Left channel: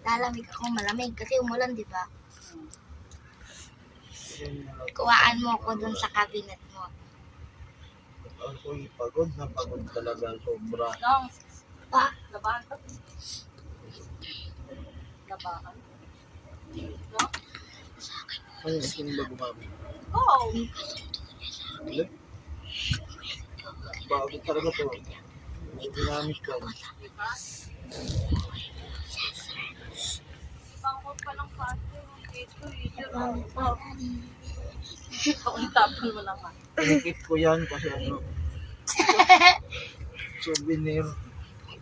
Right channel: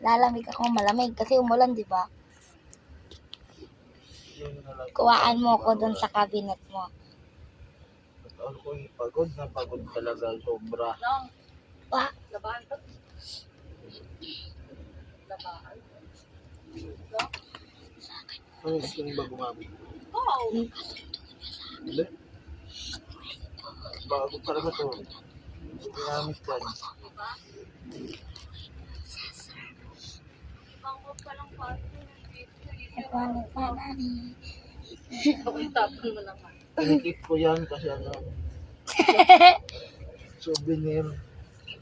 lalamig ako malamig kasi umulan, di ba? Kuhaan mo ako dun sa cabinet mo. Ako'y pagod na pagod talaga sobra. Long, Pa, labahan to. Labahan. Long? Ano skin ba gumamit? Oh! Hindi. Bago talaga to. Ginamit ko. Bangkot pa lang parte dito eh. paano pa nari? Ako tapon mo naman. Pinikip ko yan kasi ano. Souvenir.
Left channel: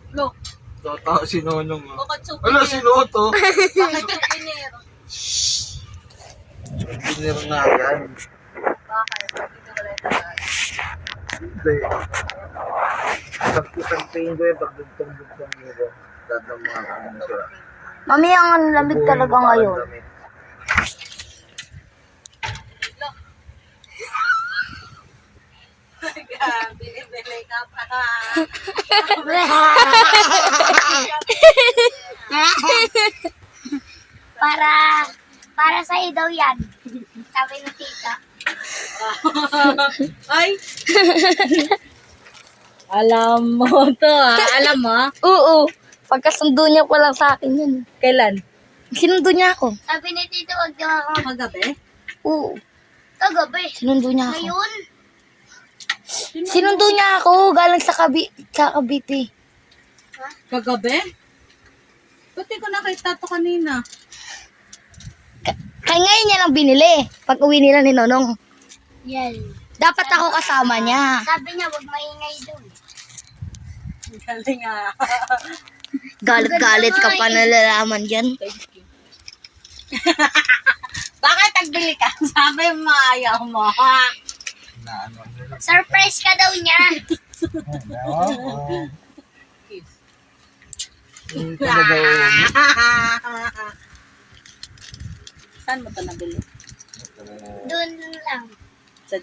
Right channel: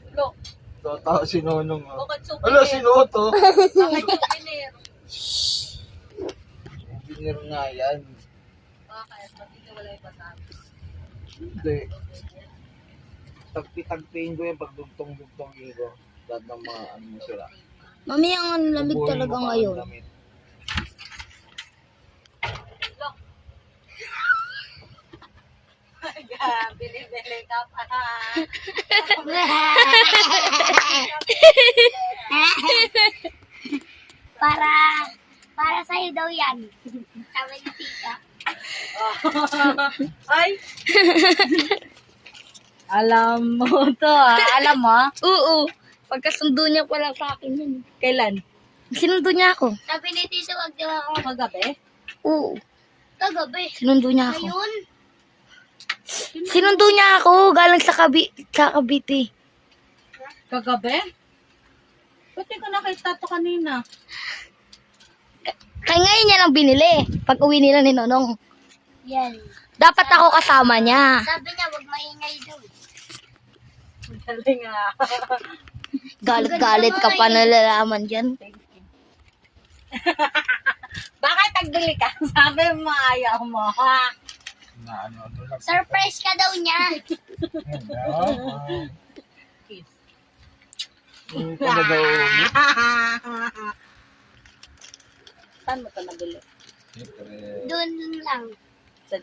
Look, Tata si Nonong. bakit souvenir? Ala, sino to? Bakit souvenir? Souvenir na yan. Bakit? Hindi wala yung tagal. Hindi. Pagpipagpain ko yan pag dugtong-dugtong ko. Lahat ng mga kanong sila. Mami, ang lamig talaga ngayon. Bili-bili ka pa. Para sa'yo daw yan. Sabi ng tita. Ay! Alam mo to ah. Alam mo? Oo. Pagkasundo niya pa lang sa akin yun. Kailan? Sinundo niya ako. Sabi ni tita, wag daw ako. Kagabi? Oo. Kagabi. Sinundo niya ako. Ngayon, Sinundo niya ako galing sa Cavite. Kagabi? Ba't di ko nakita to kanina? Kaya ngayon niya lang binili. Pag uwi nila ni Nonong. yan. Dapat ako kasama niya. Sabi niya, wag maingay doon. Galing ah. Galit-galit ka pa nalalaman dyan. Thank you. Bakit nagbili ka? Sabi mo ayaw mo ha? Na ano lang. Surprise ka daw niya. Kiss. Hindi ko na daw. Saan mo to nabili? Doon lang. Sa